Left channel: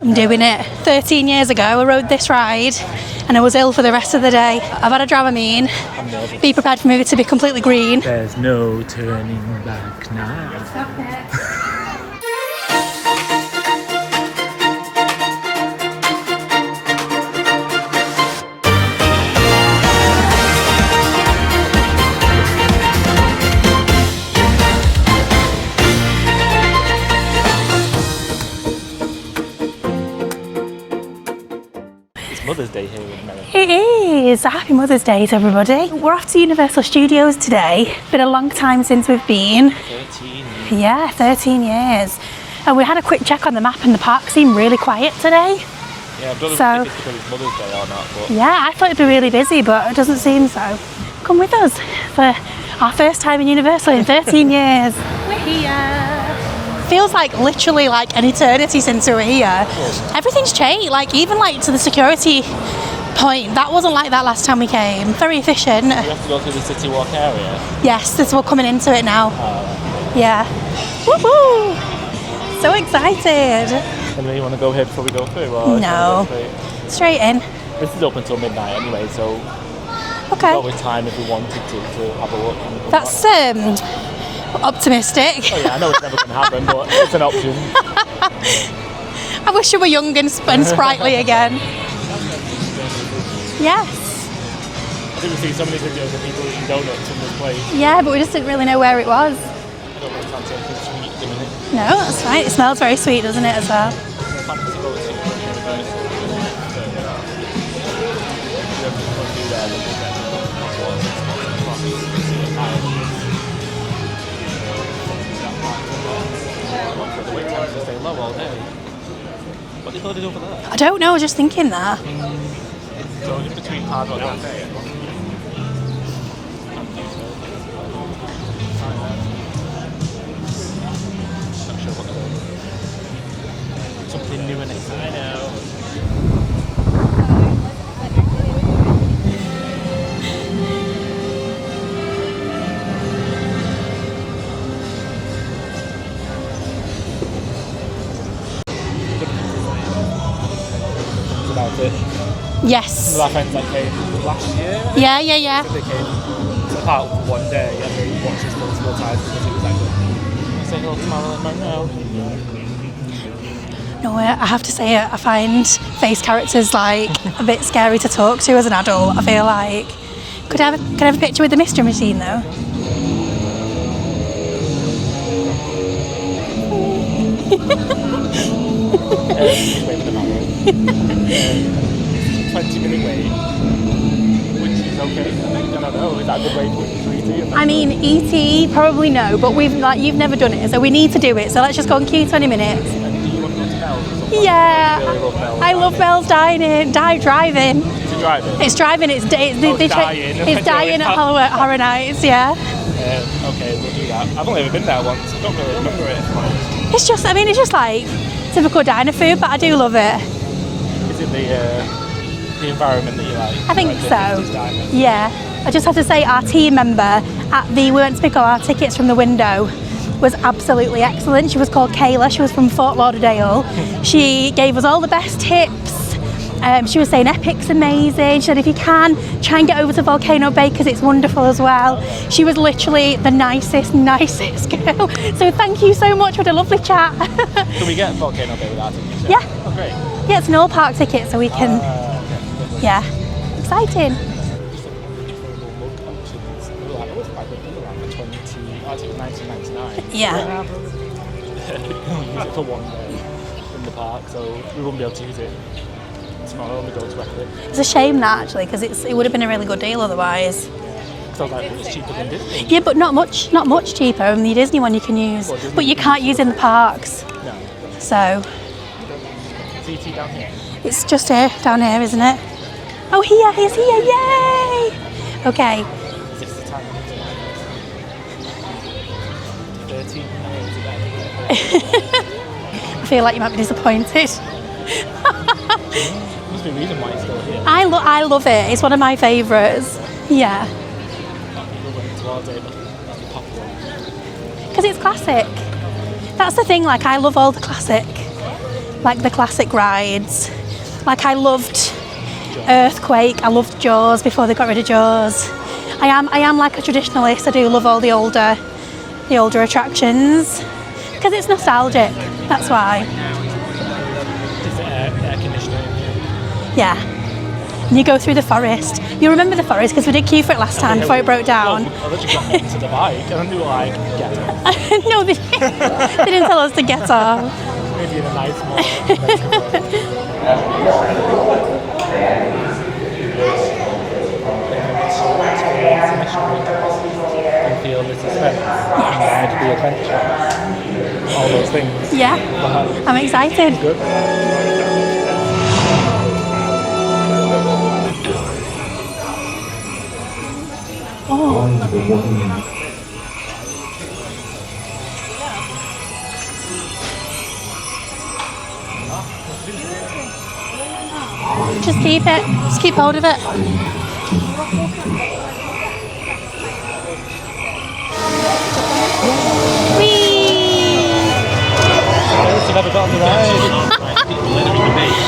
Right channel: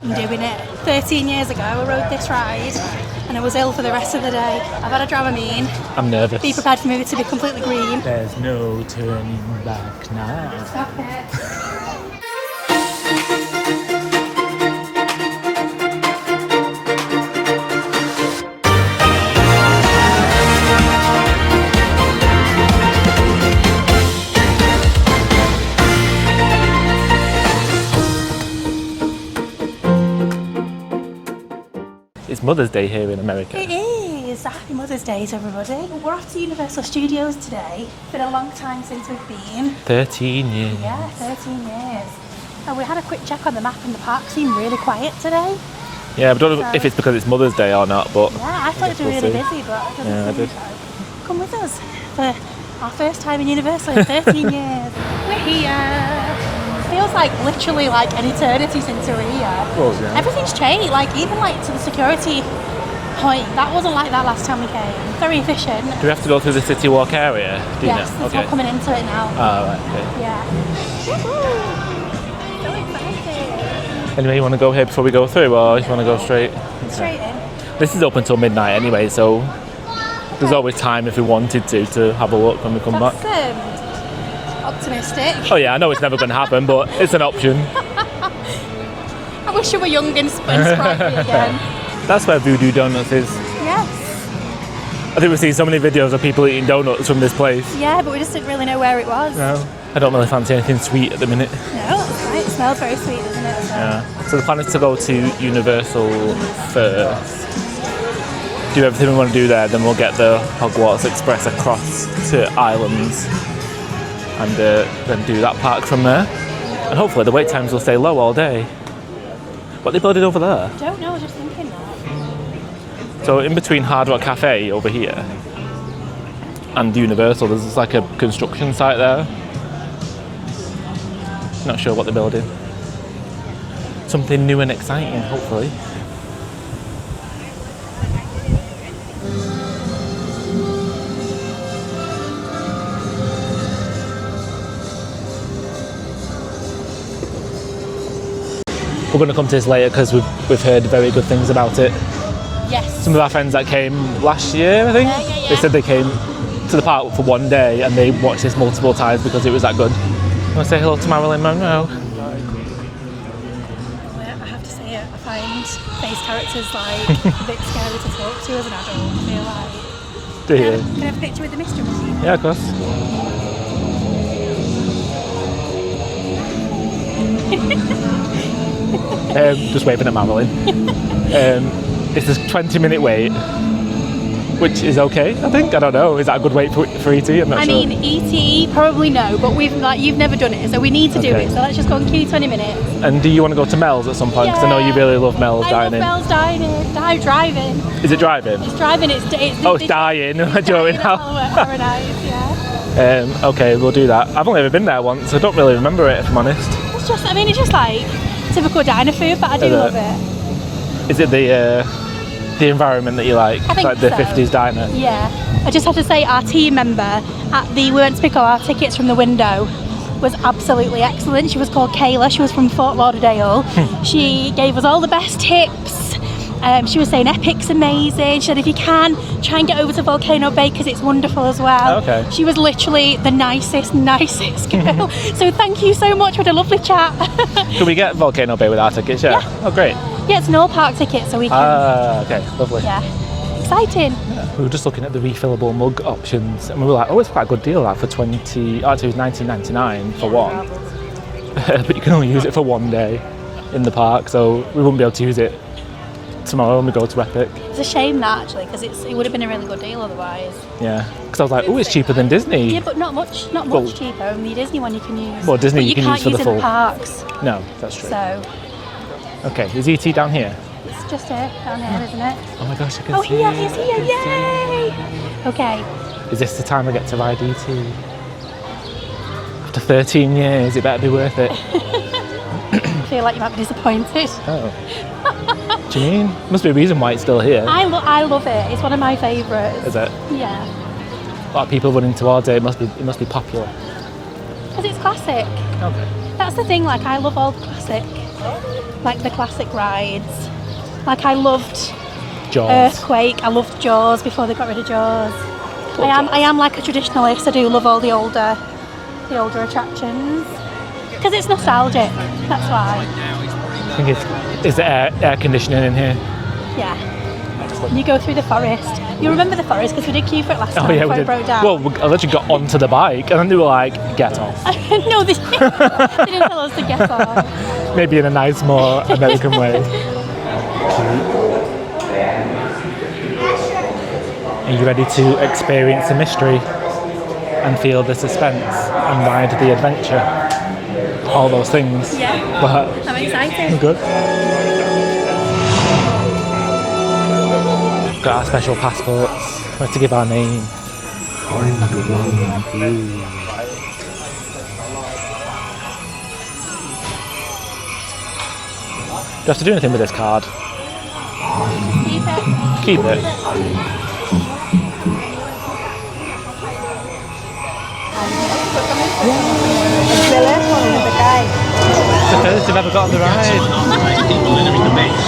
I'm doing it. 13 years ago, I rode this ride and I was ill for the rest of the day. I've had a Dramamine. I'm nervous. Be prepared for me to be completely green. There's no turning back now. Stop it. It's Mother's Day here in America. It is. Happy Mother's Day to everybody. We're off to Universal Studios today. Been a long time since we've been. 13 years. Yeah, 13 years. And we had a quick check on the map and the park seemed really quiet today. Yeah, I don't know if it's because it's Mother's Day or not, but... Yeah, I thought it'd be really busy, but it doesn't seem so. Come with us for our first time in Universal in 13 years. We're here. Feels like literally like an eternity since we were here. Everything's changed, like even like to the security point. That wasn't like that last time we came. Very efficient. Do we have to go through the CityWalk area? Yes, that's what we're coming into it now. Oh, okay. Yeah. Woohoo! So excited. Anyway, you want to go here before we go through, or just want to go straight? Straight in. This is open till midnight anyway, so there's always time if we wanted to have a look when we come back. That's optimistic. Oh yeah, I know it's never going to happen, but it's an option. I wish I were young and sprightly again. That's where Voodoo Donuts is. Yes. I think we've seen so many videos of people eating donuts from this place. Yeah, but we just didn't really know where it was. No, I don't really fancy anything sweet at the minute. No, that's right. It smells very sweet, doesn't it, as well? Yeah. So the plan is to go to Universal first, do everything we want to do there, then we'll get the Hogwarts Express across to Islands and then do that park from there. And hopefully the wait times will stay low all day. What they building over there? I don't know, I was just thinking that. So in between Hard Rock Cafe over here and Universal, there's like a construction site there. Not sure what they're building. Something new and exciting, hopefully. We're going to come to this later because we've heard very good things about it. Yes. Some of our friends that came last year, I think. Yeah. They said they came to the park for one day and they watched this multiple times because it was that good. I'm going to say hello to Marilyn Monroe. No, I have to say I find face characters like a bit scary to talk to as an adult, I feel like. Could I have a picture with the mystery machine though? Yeah, of course. Just waving at Marilyn. It's a 20-minute wait, which is okay, I think. I don't know. Is that a good wait for ET? I'm not sure. I mean, ET, probably no, but you've never done it, so we need to do it. So let's just go and queue 20 minutes. And do you want to go to Mel's at some point? Yeah. Because I know you really love Mel's I dining. love Mel's dining. driving. Is it driving? It's driving. It's dying. It's dying at Horror Nights, yeah. Okay, we'll do that. I've only ever been there once, so I don't really remember it, if I'm honest. It's just like typical diner food, but I do love it. Is it the environment that you like? I think like the so. 50s diner? Yeah. I just have to say our team member we went to pick up our tickets from the window was absolutely excellent. She was called Kayla. She was from Fort Lauderdale. She gave us all the best tips. She was saying Epic's amazing. She said if you can, try and get over to Volcano Bay because it's wonderful as well. Okay. She was literally the nicest girl. So thank you so much. What a lovely chat. Can we get Volcano Bay with our tickets? Yeah. Oh, great. Yeah, it's an all park ticket, so we can. Okay, lovely. Yeah, exciting. We were just looking at the refillable mug options, and we were like, oh, it's quite a good deal, like for $19.99 Yeah. for one. But you can only use it for one day in the park, so we wouldn't be able to use it tomorrow when we go to Epic. It's a shame that actually, because it would have been a really good deal otherwise. Yeah, because I was like, oh, it's cheaper than Disney. Yeah, but not much cheaper. Only the Disney one you can use. Well, Disney but you can't use in the full parks. No, that's true. So. Okay, is ET down here? It's just here, down here, isn't it? Oh my gosh, Oh, here, he's here, yay! Okay. Is this the time we get to ride ET? After 13 years, it better be worth it. I feel like you might be disappointed. Oh. Do you mean? Must be a reason why it's still here. I love it. It's one of my favourites. Is it? Yeah. A lot of people running towards it. It must be popular. Because it's classic. Okay. That's the thing. Like I love all the classic like the classic rides. Like I loved Jaws. Earthquake. I loved Jaws before they got rid of Jaws. I am like a traditionalist. I do love all the older attractions because it's nostalgic. That's why. I think is there air conditioning in here? Yeah. And you go through the forest. You remember the forest because we did queue for it last time before it broke down. Well, I literally got onto the bike and then they were like, get off. No, they didn't tell us to get off. Maybe in a nice, more American way. Are you ready to experience the mystery and feel the suspense and ride the adventure? All those things. Yeah. But I'm excited. good. Got our special passports. We have to give our name. Oh. Do you have to do anything with this card? Just keep it. Just keep hold of it. I've never got the ride. People entering the maze.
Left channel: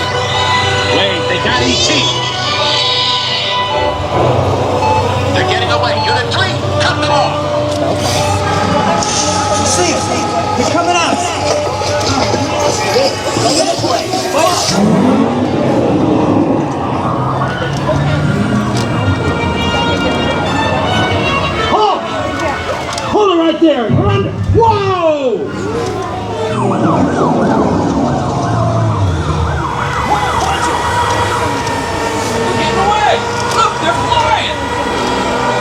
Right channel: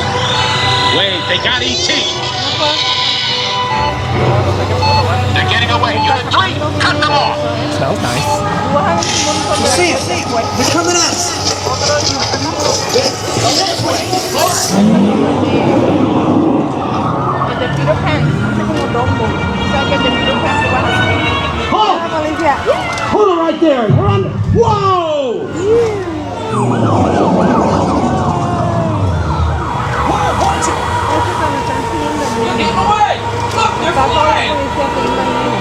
They got ET. They're getting away. Unit 3, cut them off. Smells nice. See it. He's coming at us. Hold on right there. We're under. Whoa! They're getting away. Look, they're flying.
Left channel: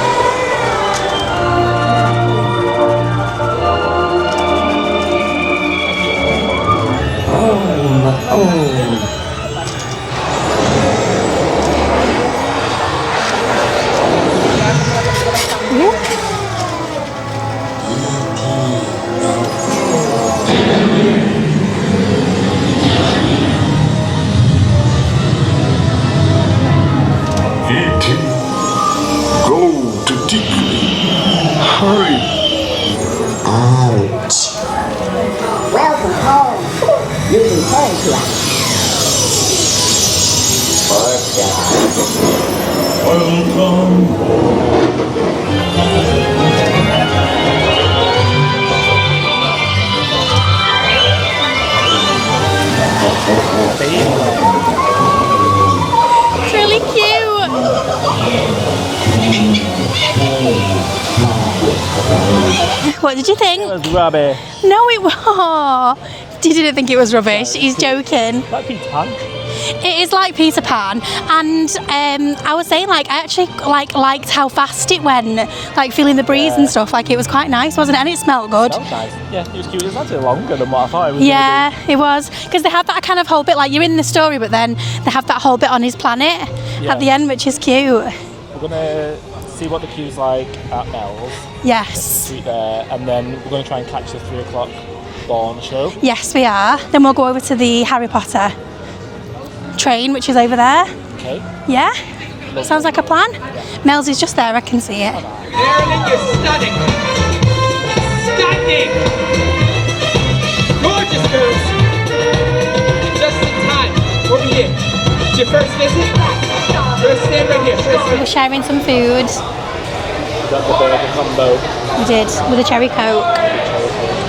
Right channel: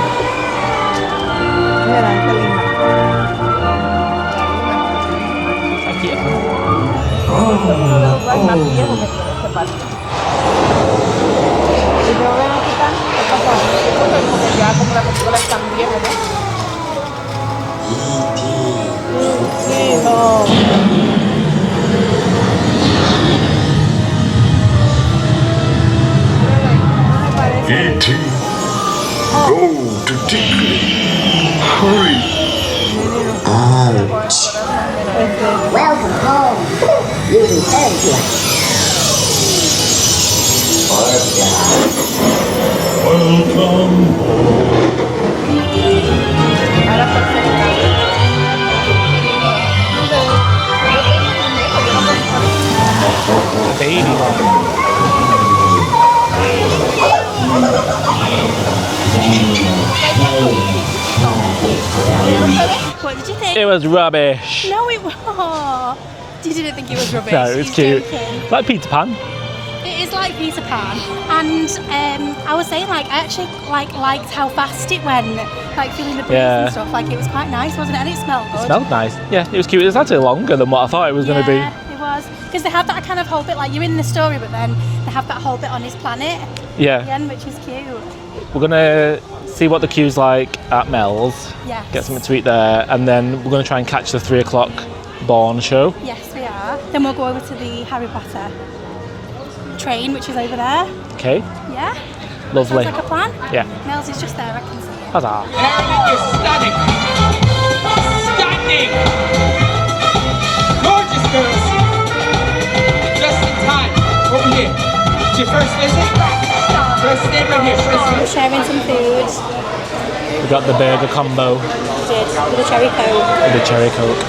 E.T. Go to Tickly. Hurry. Ouch. Welcome home. You returned here. What did you think? It was rubbish. No, it was. You didn't think it was rubbish. No, it's He's cute. joking. Like Peter Pan. It is like Peter Pan, and I was saying like I actually liked how fast it went, like feeling the breeze Yeah. and stuff. Like it was quite nice, wasn't it? And it smelled good. Smelled nice. Yeah, it was cute. It was actually longer than what I thought it was Yeah, going to it was because they have that kind of whole bit like you're in the story, but then they have that whole bit on his planet Yeah. at the end, which is cute. be. We're going to see what the queue's like at Mel's. Yes. Get something to eat there, and then we're going to try and catch the 3 o'clock Bourne show. Yes, we are. Then we'll go over to the Harry Potter train, which is over there. Okay. Yeah. Lovely. Sounds like a plan. Yeah. Mel's is just there. I can see it. Ta-da. Everything is stunning. Stunning. Gorgeous girls. Just in time. Over here. It's your first visit? Let's stay right here. We're sharing some food. We got the burger combo We did with a cherry coke. with the cherry coke.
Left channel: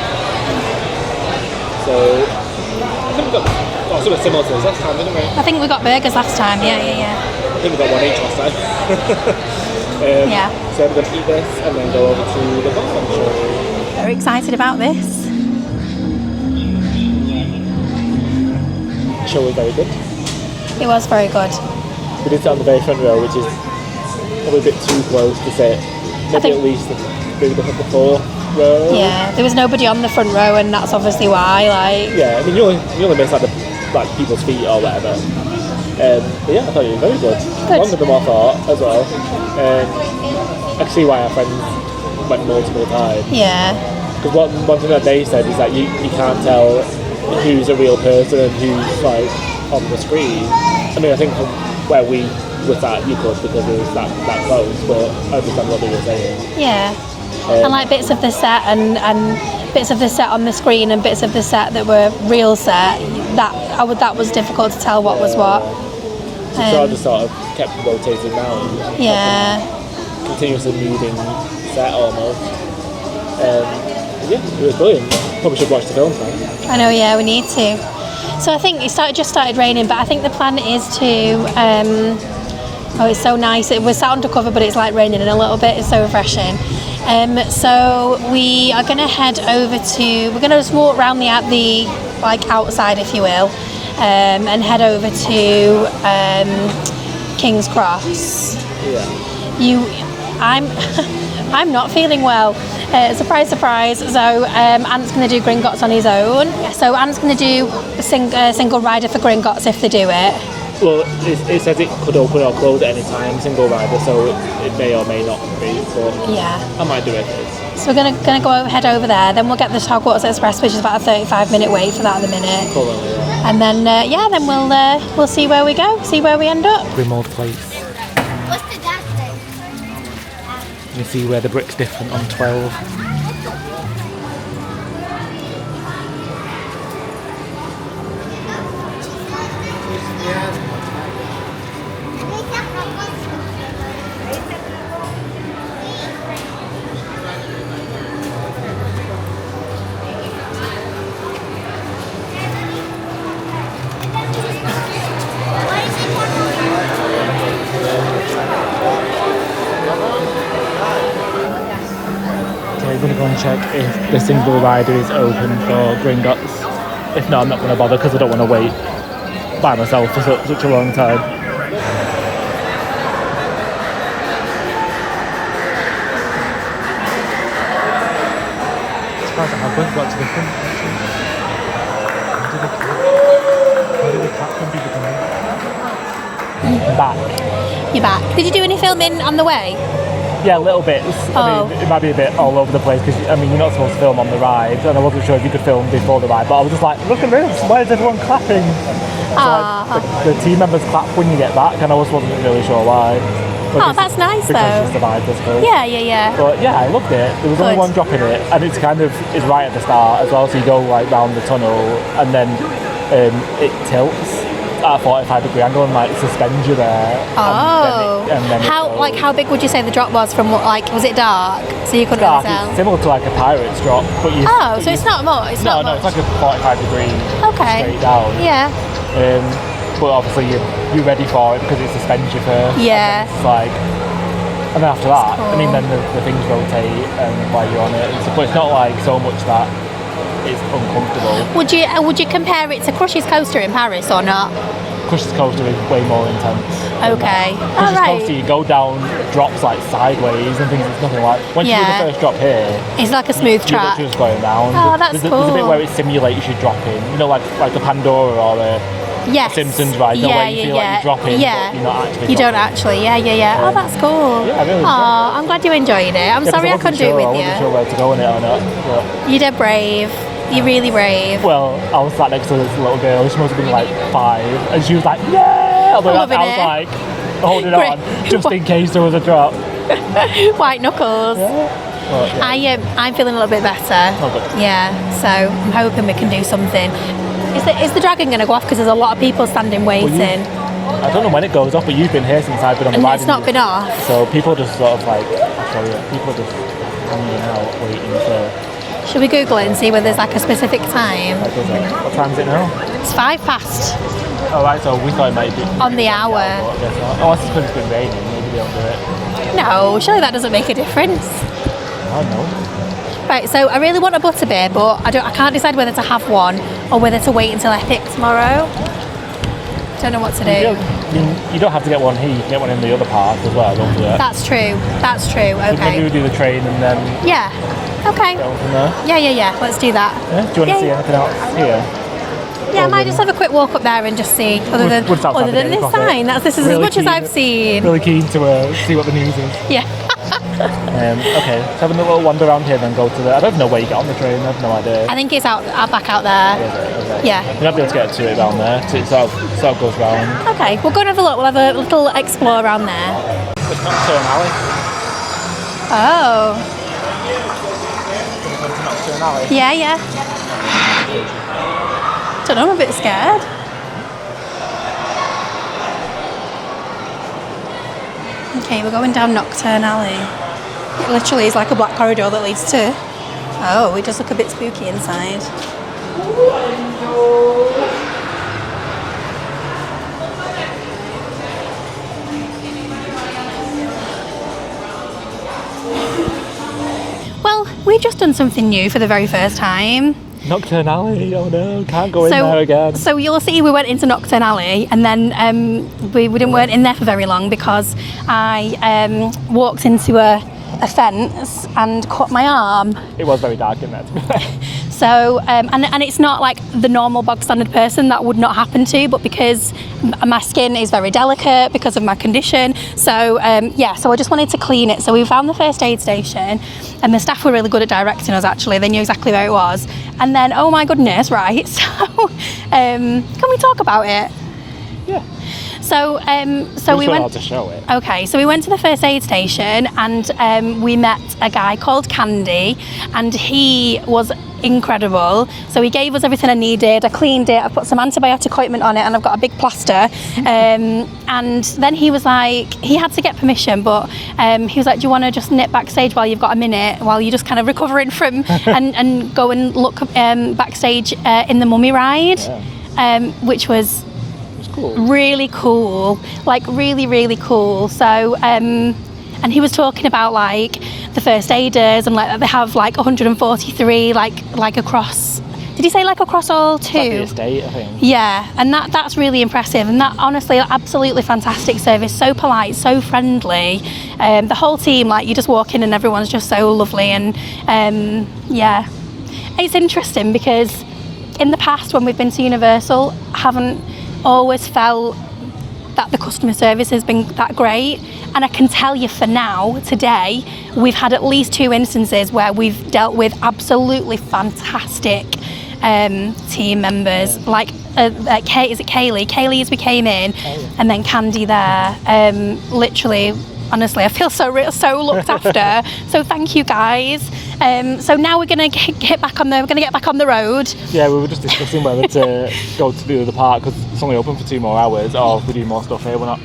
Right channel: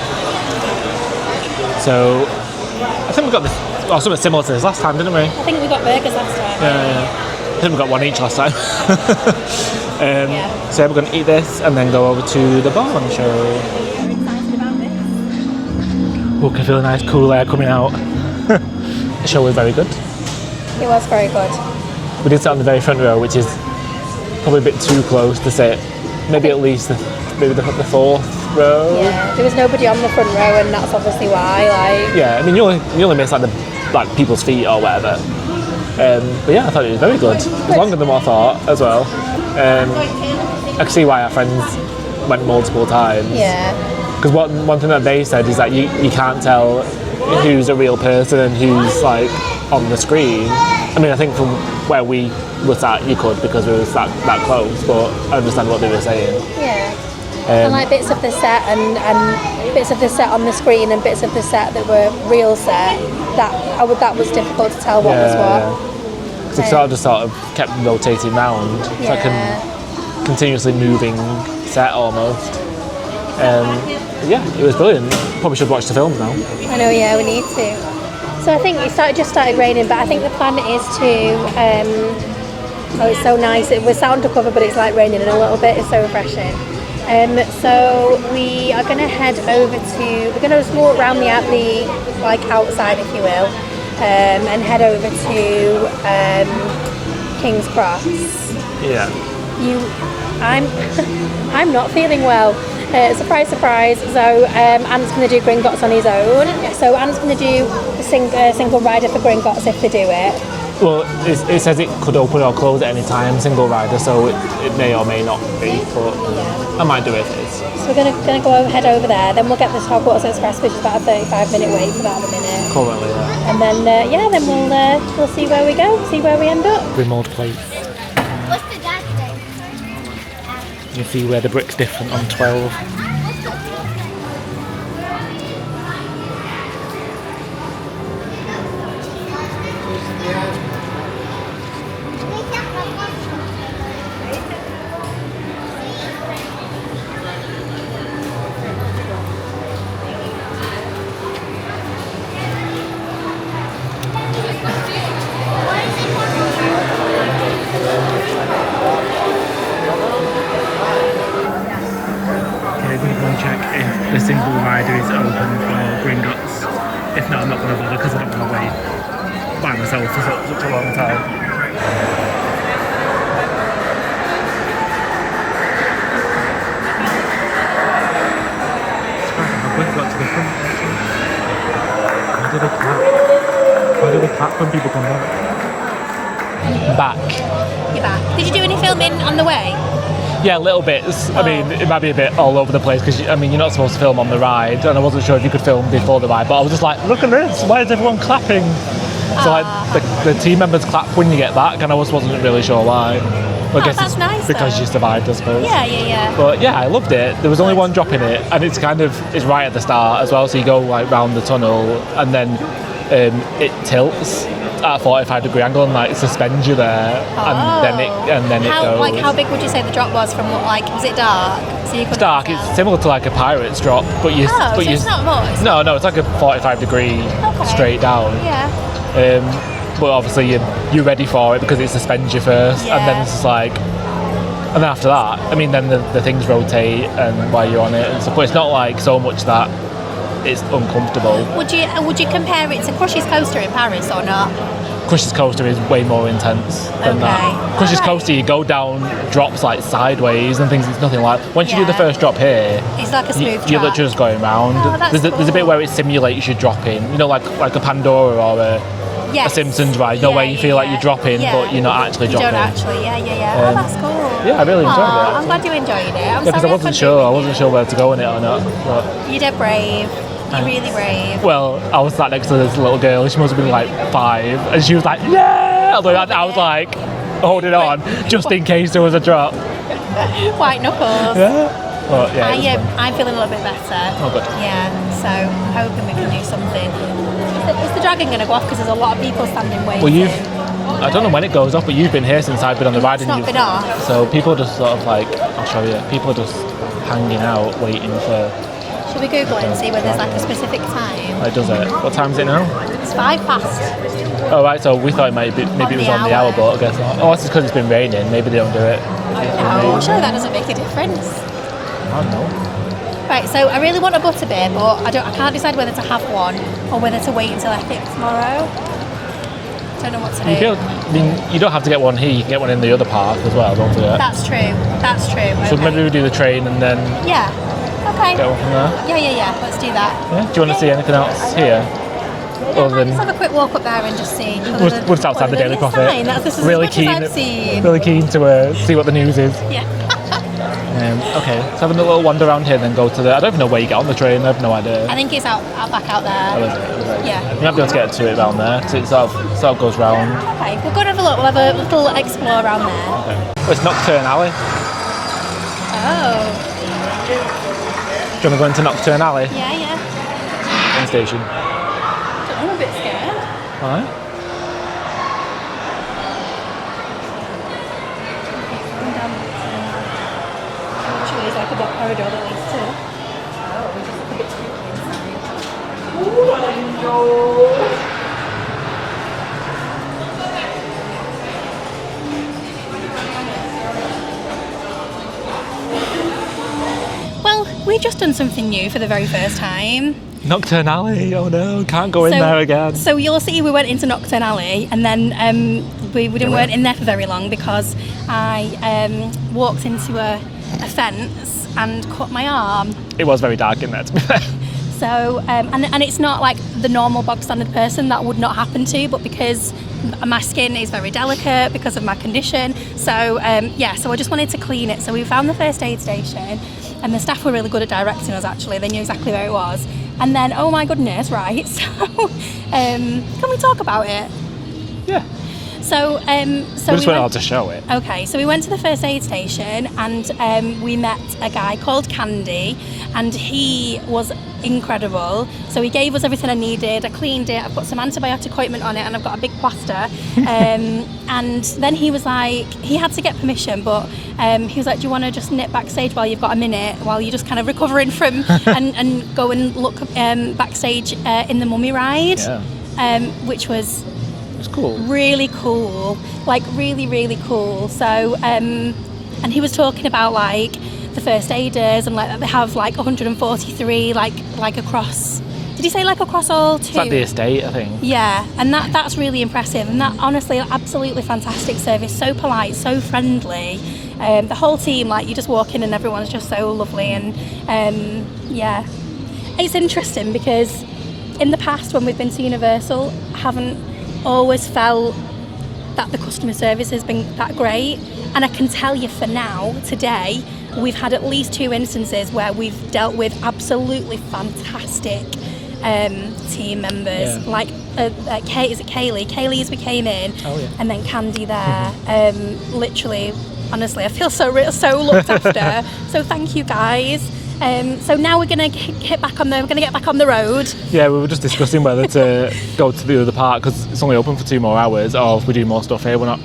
So, I think we got something similar to this last time, didn't we? I think we got burgers last time. Yeah. I think we got one each last time. Yeah. So we're going to eat this and then go over to the Bourne show. Very excited about this. We can feel a nice cool air coming out. The show was very good. It was very good. We did sit on the very front row, which is probably a bit too close to sit. Maybe at least the fourth row. Yeah, there was nobody on the front row, and that's obviously why. Like, Yeah, I mean you only miss like people's feet or whatever. But yeah, I thought it was very good. It was longer than what I thought as well. I can see why our friends went multiple times. yeah, Because one thing that they said is that you can't tell who's a real person and who's like on the screen. I mean, I think from where we were sat, you could because we were that close. But I understand what they were saying. yeah. And like bits of the set and bits of the set on the screen and bits of the set that were real set. That was difficult to tell what was what. So it sort of kept rotating round. Yeah. Like a continuously moving set almost. Yeah, it was brilliant. Probably should watch the films now. I know, yeah, we need to. So I think it just started raining, but I think the plan is to. Oh, it's so nice. We're starting to cover, but it's like raining in a little bit. It's so refreshing. So we are going to head over to. We're going to just walk around the like outside, if you will, and head over to King's Cross. Yeah. I'm not feeling well. Surprise, surprise. So Ant's going to do Gringotts on his own. So Ant's going to do a single rider for Gringotts if they do it. Well, it says it could open or close at any time, single rider, so it may or may not be, but yeah. I might do it. So we're gonna head over there, then we'll get the Hogwarts Express, which is about a 35-minute wait for that at the minute. Probably, yeah. And then, then we'll see where we go, see where we end up. Grimmauld Place. What's the dad thing? You see where the brick's different on 12. I'm going to go and check if the single rider is open for Gringotts. If not, I'm not going to bother because I don't want to wait by myself for such a long time. Surprised how quick I got to the front actually. Why do we clap when people come back? Back. You're back. Did you do any filming on the way? Yeah, little bits. I mean, it might be a bit all over the place because, I mean, you're not supposed to film on the ride, and I wasn't sure if you could film before the ride, but I was just like, look at this, why is everyone clapping? So like, the team members clap when you get back, and I wasn't really sure why. That's nice because though. you survived, I suppose. Yeah. But yeah, I loved it. There was only one drop in it, and it's right at the start as well, so you go like round the tunnel, and then it tilts at a 45-degree angle and like suspends you there, and then it goes. Like how big would you say the drop was from was it dark? So you couldn't dark. really tell? It's similar to like a pirate's drop, but you. So it's not much. It's like a 45-degree straight down. Yeah. But obviously you're ready for it because it suspends you first, Yeah. and then it's like, and then after that, I mean, then the things rotate and while you're on it, and stuff, but it's not like so much that it's uncomfortable. Would you compare it to Crush's Coaster in Paris or not? Crush's Coaster is way more intense than that. Crush's Coaster, you go down drops like sideways and things. It's nothing like. Once you do the first drop here, it's like a smooth you're track. literally just going round. Oh, that's there's a bit where it simulates you dropping. You know, like a Pandora or a Simpsons ride. You know, where you feel like you're dropping, but you're not actually dropping. You don't actually. Yeah. Oh, that's cool. Yeah, I really enjoyed it. I'm glad you enjoyed it. I'm sorry I couldn't do it with you. I wasn't sure where to go in it or not. But you did brave. You're really brave. Well, I was sat next to this little girl. She must have been like 5, and she was like, "Yeah!" I was like holding on just in case there was a drop. White knuckles. Yeah. Well, I'm feeling a little bit better. Oh, good. Yeah. So I'm hoping we can do something. Is the dragon going to go off? Because there's a lot of people standing waiting. Well, I don't know when it goes off, but you've been here since I've been on the ride. It's not been off. So people just sort of like, I'll show you. People are just hanging out waiting for. Should we Google it and see whether there's like a specific time? It does it. What time is it now? It's 5:05. Oh right, so we thought it maybe it was on the hour, but I guess not. Oh, it's because it's been raining. Maybe they don't do it. No, surely that doesn't make a difference. I don't know. Right, so I really want a butterbeer, but I can't decide whether to have one or whether to wait until Epic tomorrow. Don't know what to do. You don't have to get one here. You can get one in the other park as well. Don't forget. That's true. Okay. So maybe we do the train and then. Yeah. Okay. Go from there. Yeah. Let's do that. Yeah. Do you want to see anything else here? Yeah, I might just have a quick walk up there and just see. What's outside the Daily this Prophet. sign. This is really as much as I've seen. Really keen to see what the news is. Yeah. Okay, let's have a little wander around here and then go to the. I don't even know where you get on the train. I have no idea. I think it's back out there. Oh, is it? Okay. Yeah. You might be able to get to it around there. So it sort of goes round. Okay, we'll go and have a look. We'll have a little explore around there. Oh, it's Knockturn Alley. Oh. Do you want to go into Knockturn Alley? Yeah, yeah. Train station. Don't know, I'm a bit scared. Alright. Okay, we're going down Knockturn Alley. It literally is like a black corridor that leads to... Oh, it does look a bit spooky inside. Well, we've just done something new for the very first time. Knockturn Alley, oh no, can't go in there again. So you'll see we went into Knockturn Alley and then we weren't in there for very long because I walked into a fence and cut my arm. It was very dark in there, to be fair. So, and it's not like the normal bog standard person that would not happen to, but because my skin is very delicate because of my condition. So, yeah, so I just wanted to clean it. So we found the first aid station and the staff were really good at directing us actually. They knew exactly where it was. And then, oh my goodness, right, so can we talk about it? Yeah. So we went to show it. Okay, so we went to the first aid station and we met a guy called Candy and he was incredible. So he gave us everything I needed. I cleaned it, I put some antibiotic ointment on it and I've got a big plaster. And then he was like, he had to get permission, but he was like, do you want to just nip backstage while you've got a minute, while you're just kind of recovering from, and go and look backstage in the mummy ride, which was cool. Really cool, like really, really cool. So, and he was talking about like the first aiders and like they have like 143 like across. Did he say like across all two? It's like the estate, I think. Yeah, and that's really impressive. And that honestly, absolutely fantastic service. So polite, so friendly. The whole team, like you just walk in and everyone's just so lovely. And yeah, it's interesting because in the past when we've been to Universal, I haven't always felt that the customer service has been that great, and I can tell you for now, today, we've had at least 2 instances where we've dealt with absolutely fantastic team members. Yeah. Like, is it Kaylee? Kaylee as we came in, and then Candy there. Literally, honestly, I feel so looked after. So thank you guys. So now we're gonna get back on the road. Yeah, we were just discussing whether to go to the other park because it's only open for 2 more hours, or if we do more stuff here, we're not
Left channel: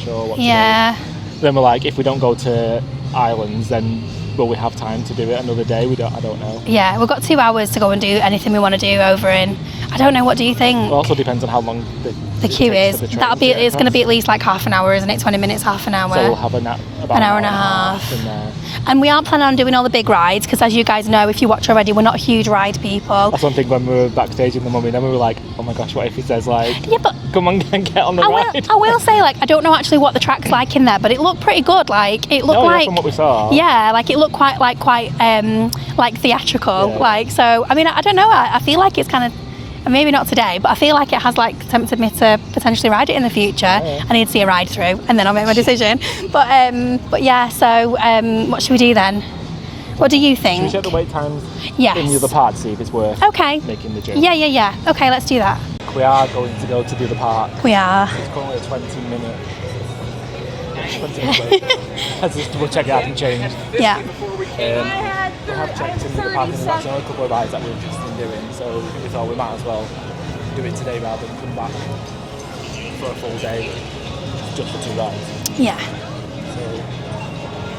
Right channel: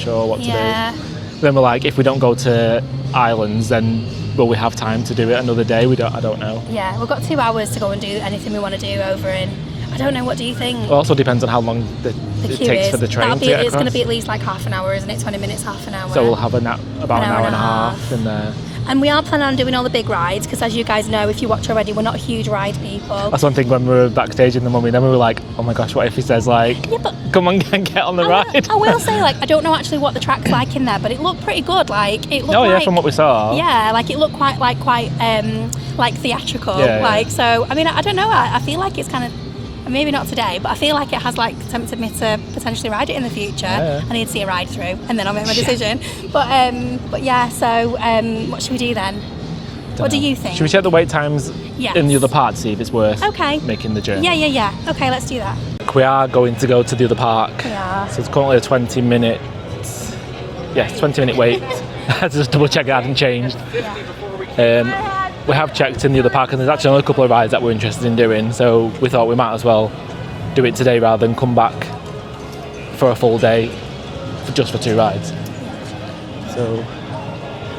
sure what to do. Then we're like, if we don't go to Islands, then will we have time to do it another day? I don't know. Yeah, we've got 2 hours to go and do anything we want to do over in. I don't know. What do you think? It also depends on how long the queue takes is. for the train. It's going to be at least like half an hour, isn't it? 20 minutes, half an hour. So we'll have about an hour and a half in there. And we are planning on doing all the big rides because, as you guys know, if you watch already, we're not huge ride people. That's one thing when we were backstage in the mummy, then we were like, oh my gosh, what if he says like, yeah, but come on, get on the ride? I will say, like, I don't know actually what the track's like in there, but it looked pretty good. Like, it looked yeah, from what we saw. Yeah, like it looked quite theatrical. Yeah. Like, so I mean, I don't know. I feel like it's kind of. Maybe not today, but I feel like it has like tempted me to potentially ride it in the future. Yeah. I need to see a ride through and then I'll make my decision. But yeah, so what should we do then? What do you think? Should we check the wait times Yes. in the other part to see if it's worth making the journey? Yeah. Okay, let's do that. We are going to go to the other park. We are. So it's currently a 20-minute wait. Just double check it hadn't changed. Yeah. We have checked in the other park and there's actually only a couple of rides that we're interested in doing, so we thought we might as well do it today rather than come back for a full day just for 2 rides. Yeah. So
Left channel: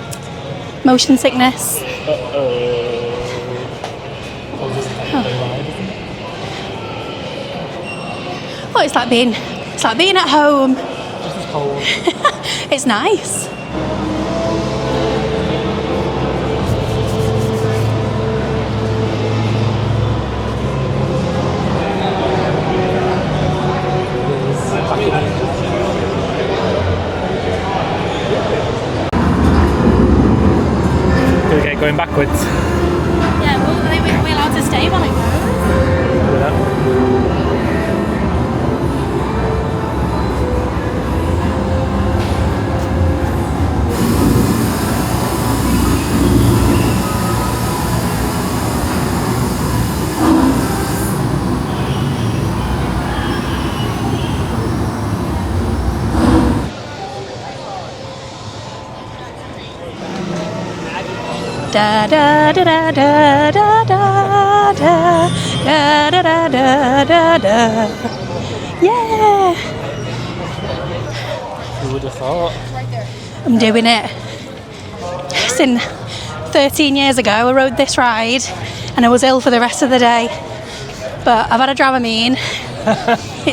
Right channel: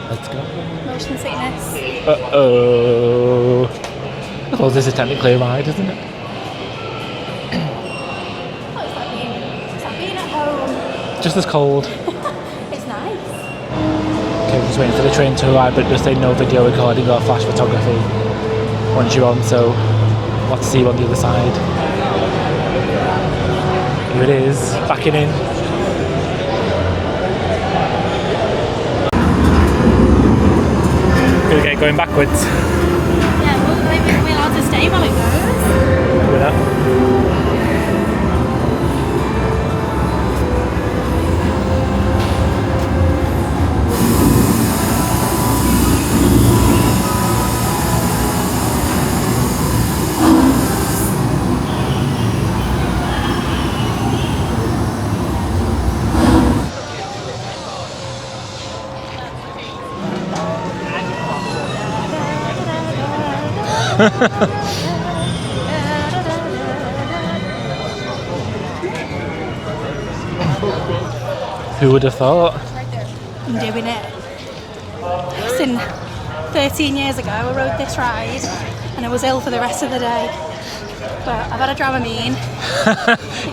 let's go. Motion sickness. Uh-oh. Well, this is technically a ride, isn't it? Oh, it's like being at home. Just as cold. It's nice. Okay, just waiting for the train to arrive, but just say no video recording or flash photography once you're on, so we'll have to see you on the other side. Here it is, backing in. Okay, going backwards. Yeah, well, we're allowed to stay while it goes. Do that. Da da da da da da da da da da da da. Yeah. Who would have thought? I'm doing it. Listen, 13 years ago I rode this ride and I was ill for the rest of the day. But I've had a Dramamine.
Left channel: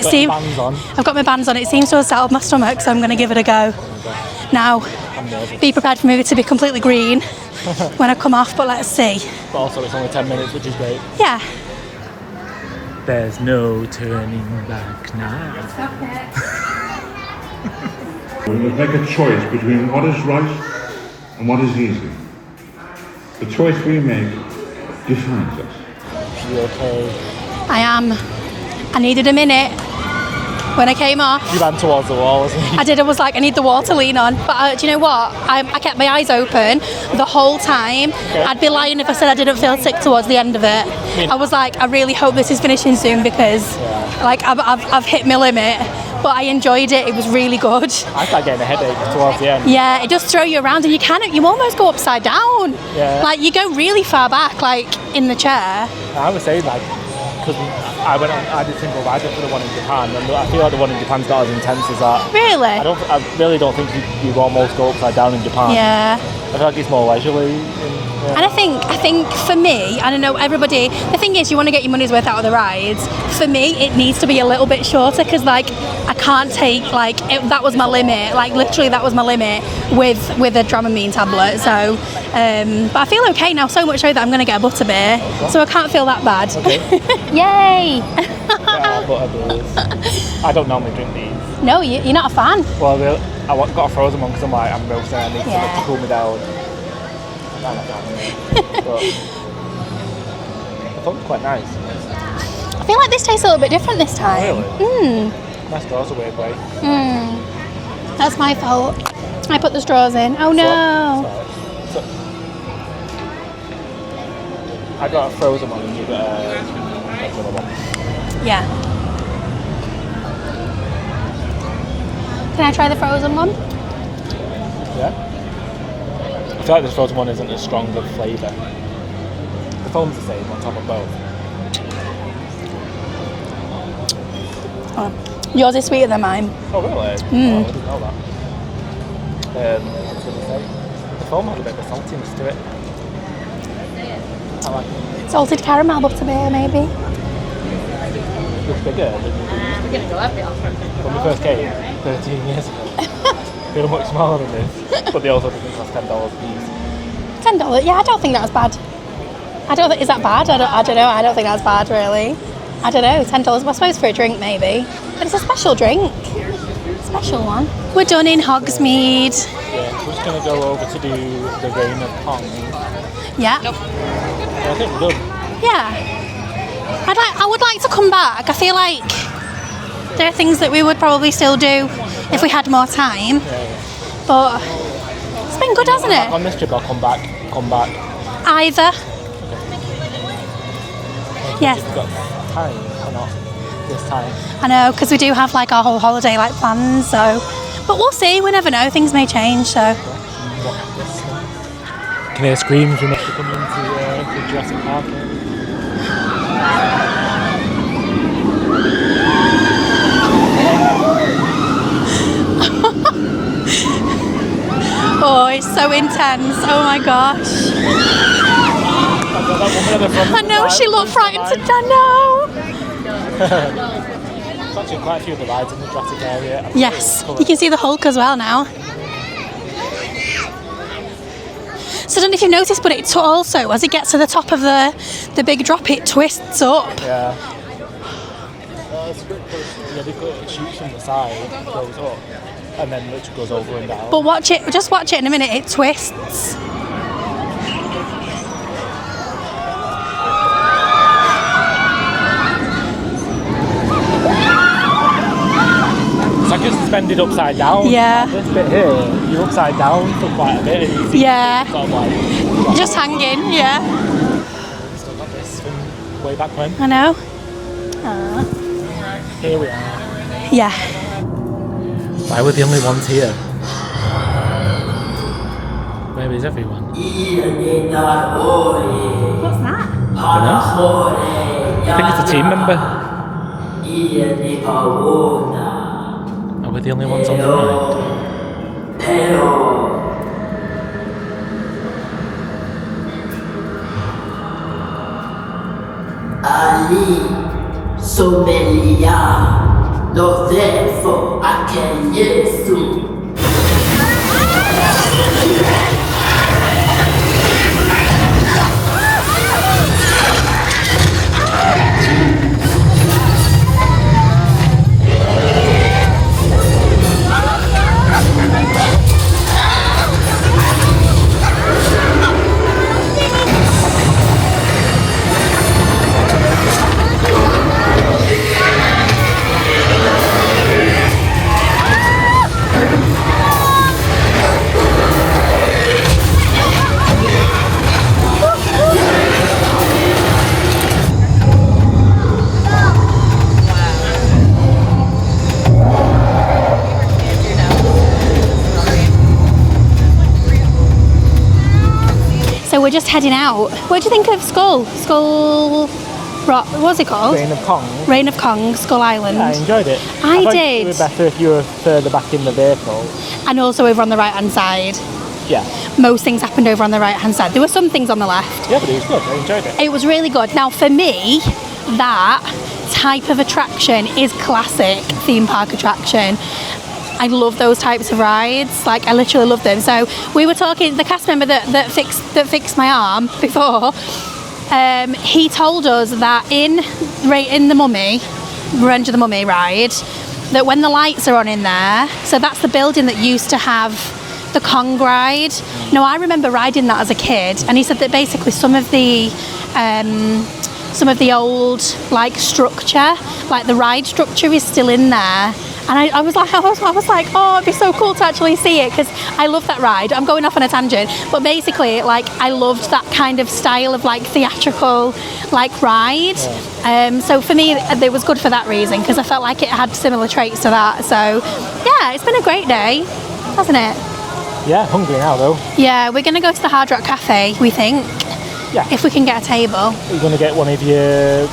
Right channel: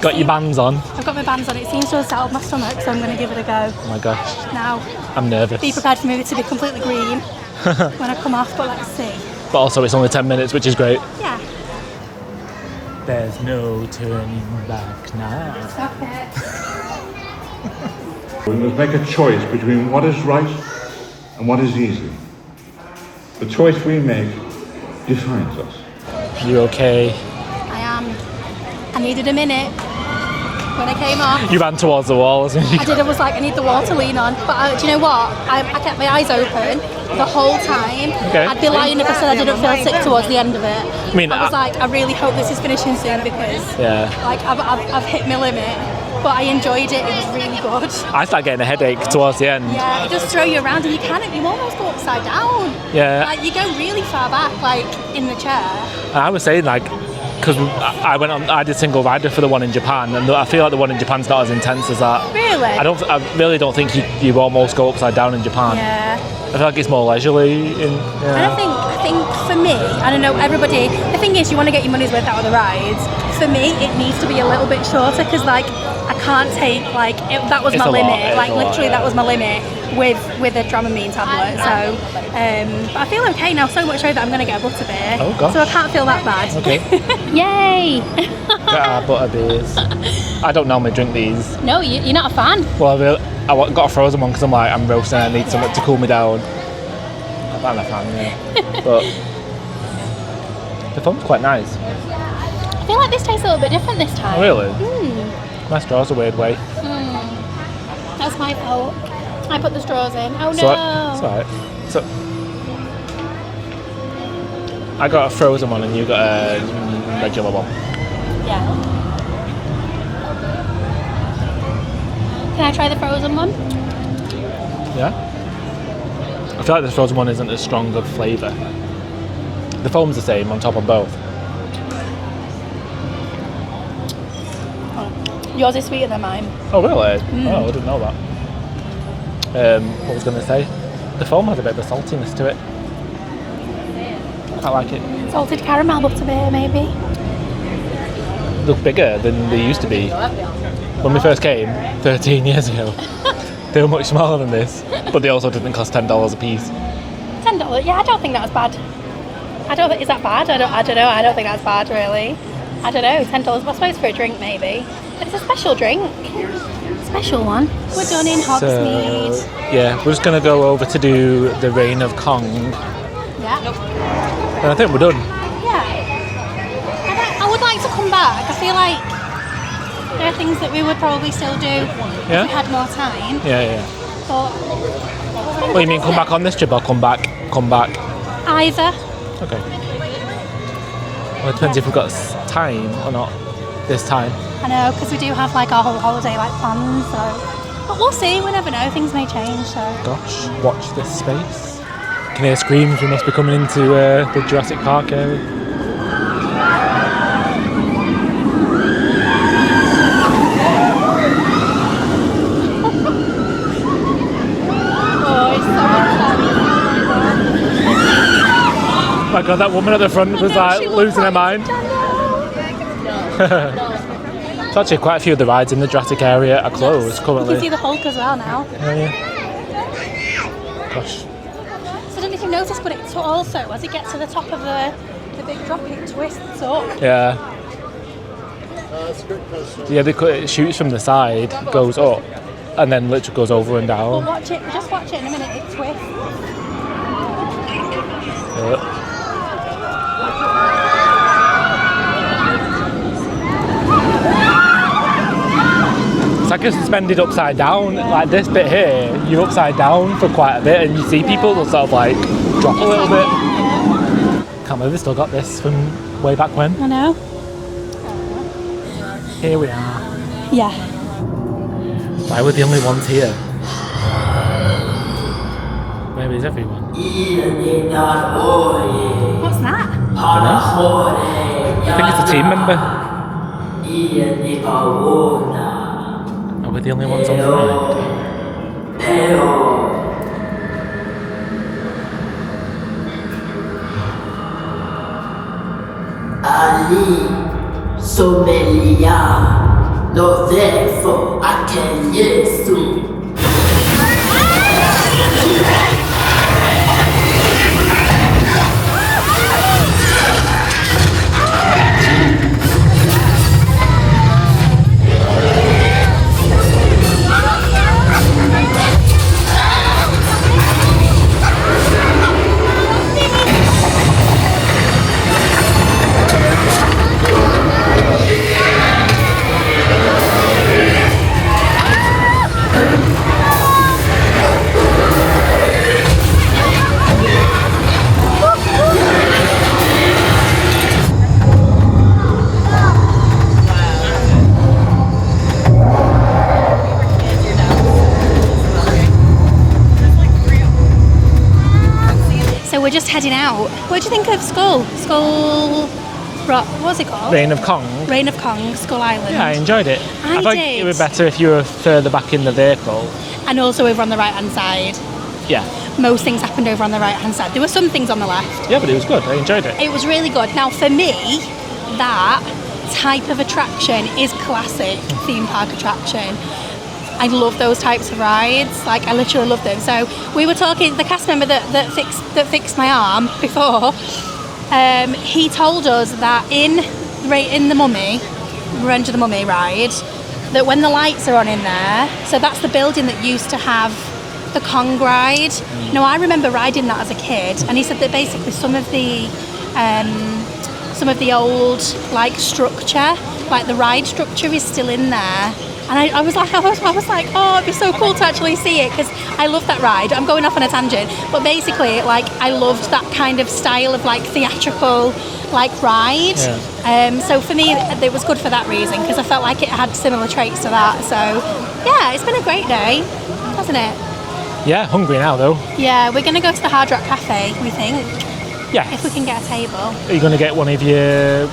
Got your bands on. I've got my bands on. It seems to have settled my stomach, so I'm going to give it a go. Oh my gosh. Now, I'm nervous. be prepared for me to be completely green when I come off, but let's see. But also it's only 10 minutes, which is great. Yeah. There's no turning back now. Stop it. We must make a choice between what is right and what is easy. The choice we make defines us. You okay? I am. I needed a minute when I came up. You ran towards the walls. I did. I was like, I need the wall to lean on. But do you know what? I kept my eyes open the whole time. Okay. I'd be lying if I said I didn't feel sick towards the end of it. I was like, I really hope this is finishing soon because, like, I've hit my limit. But I enjoyed it. It was really good. I started getting a headache towards the end. Yeah, it does throw you around, and you almost go upside down. Yeah. Like you go really far back, like in the chair. I was saying like, because I did single rider for the one in Japan, and I feel like the one in Japan's not as intense as that. Really? I really don't think you almost go upside down in Japan. Yeah. I feel like it's more leisurely. And I think for me, I don't know, everybody, the thing is you want to get your money's worth out of the rides. For me, it needs to be a little bit shorter because like I can't take like, that was my limit. Like literally that was my limit with a Dramamine tablet. So, but I feel okay now, so much so that I'm going to get a Butterbeer. Oh, gosh. So I can't feel that bad. Okay. Yay! Butterbeers. I don't normally drink these. No, you're not a fan. Well, I got a frozen one because I'm roasting and I need something to cool me down. I'm not a fan, yeah. But the foam's quite nice. I feel like this tastes a little bit different this time. Really? My straw's a weird way. That's my fault. I put the straws in. Oh no. It's alright. So, I got a frozen one and you got a regular one. Yeah. Can I try the frozen one? Yeah? I feel like this frozen one isn't as strong of flavour. The foam's the same on top of both. Oh, yours is sweeter than mine. Oh really? Oh, I didn't know that. What was I going to say? The foam had a bit of a saltiness to it. I like it. Salted caramel butterbeer, maybe. Look bigger than they used to be. When we first came, 13 years ago, they were much smaller than this, but they also didn't cost $10 a piece. $10? Yeah, I don't think that's bad. Is that bad? I don't know. I don't think that's bad, really. I don't know. $10, I suppose for a drink, maybe. But it's a special drink. Special one. We're done in Hogsmeade. So, yeah, we're just going to go over to do the Reign of Kong. Yeah. And I think we're done. Yeah. I would like to come back. I feel like there are things that we would probably still do if we had more time. Yeah. But it's been good, hasn't come it? back on this trip or come back? Either. Okay. Well, it depends if we've got time or not this time. I know, because we do have like our whole holiday like planned, so. But we'll see, we never know, things may change, so. Gosh, watch this space. Can hear screams, we must be coming into the Jurassic Park area. Oh, it's so intense, oh my gosh. Oh my god, that woman at the front was I know, like, she looked losing her frightened, mind. I know. There's actually quite a few of the rides in the Jurassic area are closed Yes, currently. you can see the Hulk as well now. Gosh. So I don't know if you've noticed, but it also, as it gets to the top of the big drop, it twists up. Yeah. Yeah, it shoots from the side, goes up, and then literally goes over and down. But just watch it in a minute, it twists. It's like it's suspended upside down. Yeah. Like this bit here, you're upside down for quite a bit, and you see people sort of like drop Just a little hanging, bit. yeah. Can't believe they still got this from way back when. I know. Here we are. Yeah. Why we're the only ones here? Maybe is everyone? What's that? I think it's a team member. Are we the only ones on the ride? Ali, Somelia, Lodefo, Akenyesu. We're just heading out. What do you think of Skull Rock? What was it called? Reign of Kong. Reign of Kong, Skull Island. Yeah, I enjoyed it. I thought did. It would be better if you were further back in the vehicle. And also over on the right hand side. Yeah. Most things happened over on the right hand side. There were some things on the left. Yeah, but it was good. I enjoyed it. It was really good. Now for me, that type of attraction is classic theme park attraction. I love those types of rides. Like I literally love them. So we were talking. The cast member that fixed my arm before. He told us that in the Mummy, Revenge of the Mummy ride, that when the lights are on in there, so that's the building that used to have the Kong ride. Now I remember riding that as a kid, and he said that basically some of the old like structure, like the ride structure, is still in there. And I was like, oh, it'd be so cool to actually see it because I love that ride. I'm going off on a tangent, but basically, like, I loved that kind of style of like theatrical, like ride. Yeah. So for me, it was good for that reason because I felt like it had similar traits to that. So yeah, it's been a great day, hasn't it? Yeah, hungry now though. Yeah, we're gonna go to the Hard Rock Cafe, we think. Yeah. If we can get a table. Are you gonna get one of your?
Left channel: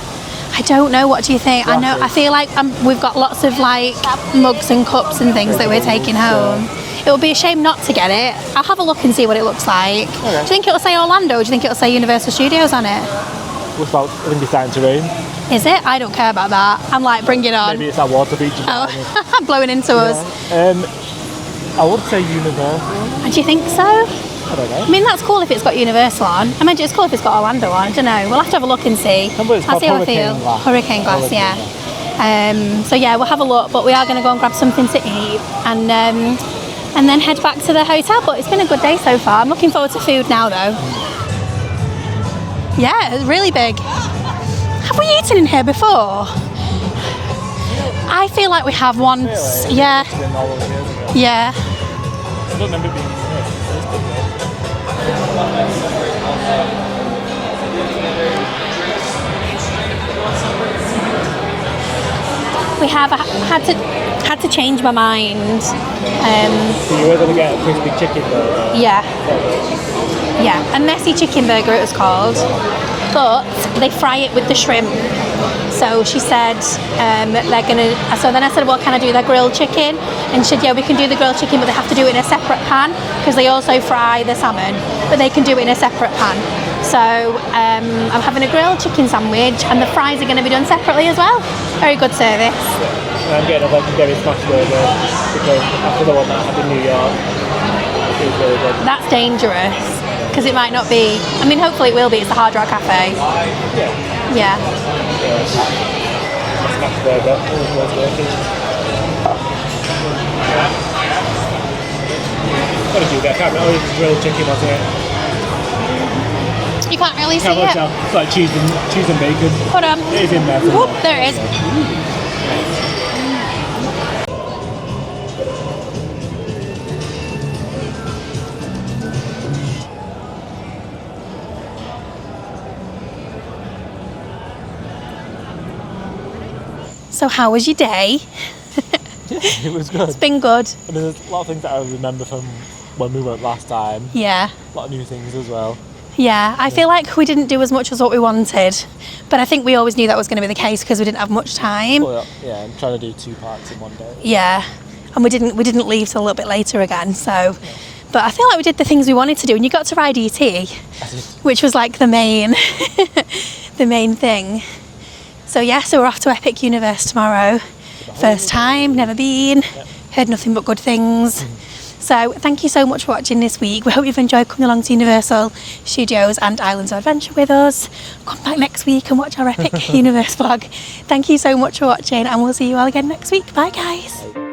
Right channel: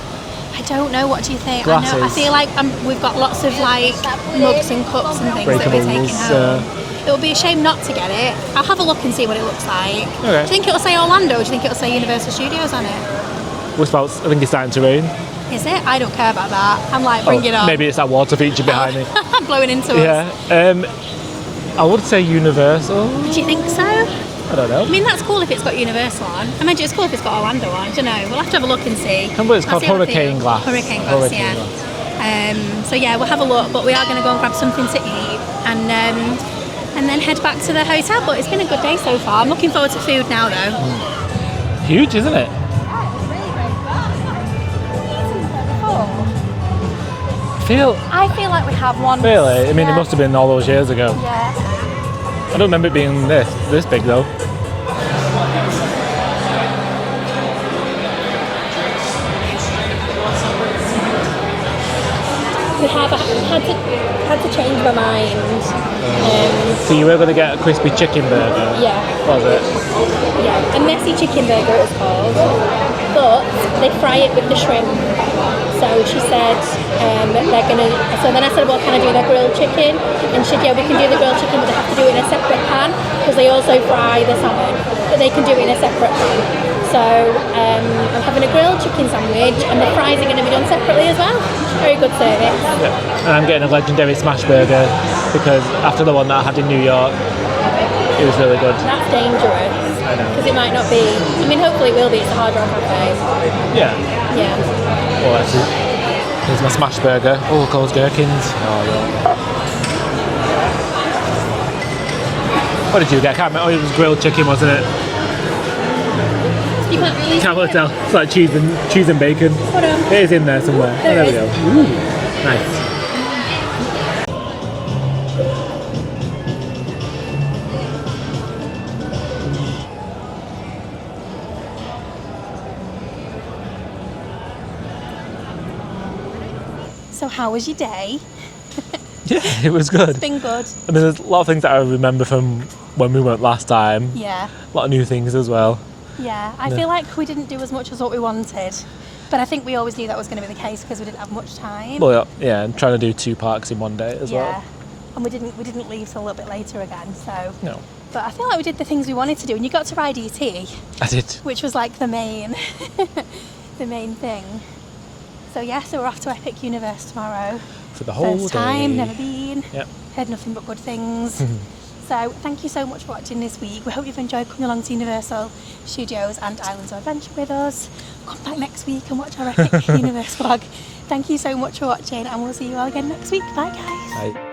I don't know. What do you think? Glasses. I feel like we've got lots of like mugs and cups and things that we're taking home. It would be a shame not to get it. I'll have a look and see what it looks like. Okay. Do you think it'll say Orlando or do you think it'll say Universal Studios on it? I think it's starting to rain. Is it? I don't care about that. I'm like, bring it on. Maybe it's that water feature behind me. Blowing into us. I would say Universal. Do you think so? I don't know. I mean, that's cool if it's got Universal on. I imagine it's cool if it's got Orlando on. I don't know. We'll have to have a look and see. It's called Hurricane Glass. Hurricane Glass, yeah. So yeah, we'll have a look, but we are going to go and grab something to eat and then head back to the hotel. But it's been a good day so far. I'm looking forward to food now, though. Huge, isn't it? Yeah, it's really big. Have we eaten in here before? I feel like we have once. Really? I mean, yeah. it must have been all those years ago. Yeah. I don't remember it being this big though. We have had to change my mind. So you were going to get a crispy chicken burger? Yeah. Was it? Yeah, a messy chicken burger it was called, but they fry it with the shrimp. So she said they're gonna. So then I said, well, can I do their grilled chicken? And she said, yeah, we can do the grilled chicken, but they have to do it in a separate pan because they also fry the salmon, but they can do it in a separate pan. So I'm having a grilled chicken sandwich, and the fries are going to be done separately as well. Very good service. Yeah. And I'm getting a legendary smash burger because after the one that I had in New York, it was really good. That's dangerous because it might not be. I mean, hopefully it will be. It's the Hard Rock Cafe. Yeah. Yeah. Here's my smash burger. Oh, look, those gherkins. Oh, yeah. What did you get? I can't remember. It was grilled chicken, wasn't it? You can't really Can't see it. tell. It's like cheese and bacon. Hold on. It is in there somewhere. Oop, there it is. we go. Nice. So how was your day? Yeah, it was good. It's been good. I mean, there's a lot of things that I remember from when we went last time. Yeah. A lot of new things as well. Yeah, I feel like we didn't do as much as what we wanted, but I think we always knew that was going to be the case because we didn't have much time. Well, yeah, and trying to do 2 parks in one day as Yeah, well. and we didn't leave till a little bit later again. So, No. but I feel like we did the things we wanted to do, and you got to ride ET, I did. which was like the main, the main thing. So yeah, so we're off to Epic Universe tomorrow. For the whole First time, day. never been. Yep. Heard nothing but good things. So thank you so much for watching this week. We hope you've enjoyed coming along to Universal Studios and Islands of Adventure with us. Come back next week and watch our Epic Universe vlog. Thank you so much for watching, and we'll see you all again next week. Bye guys. Bye.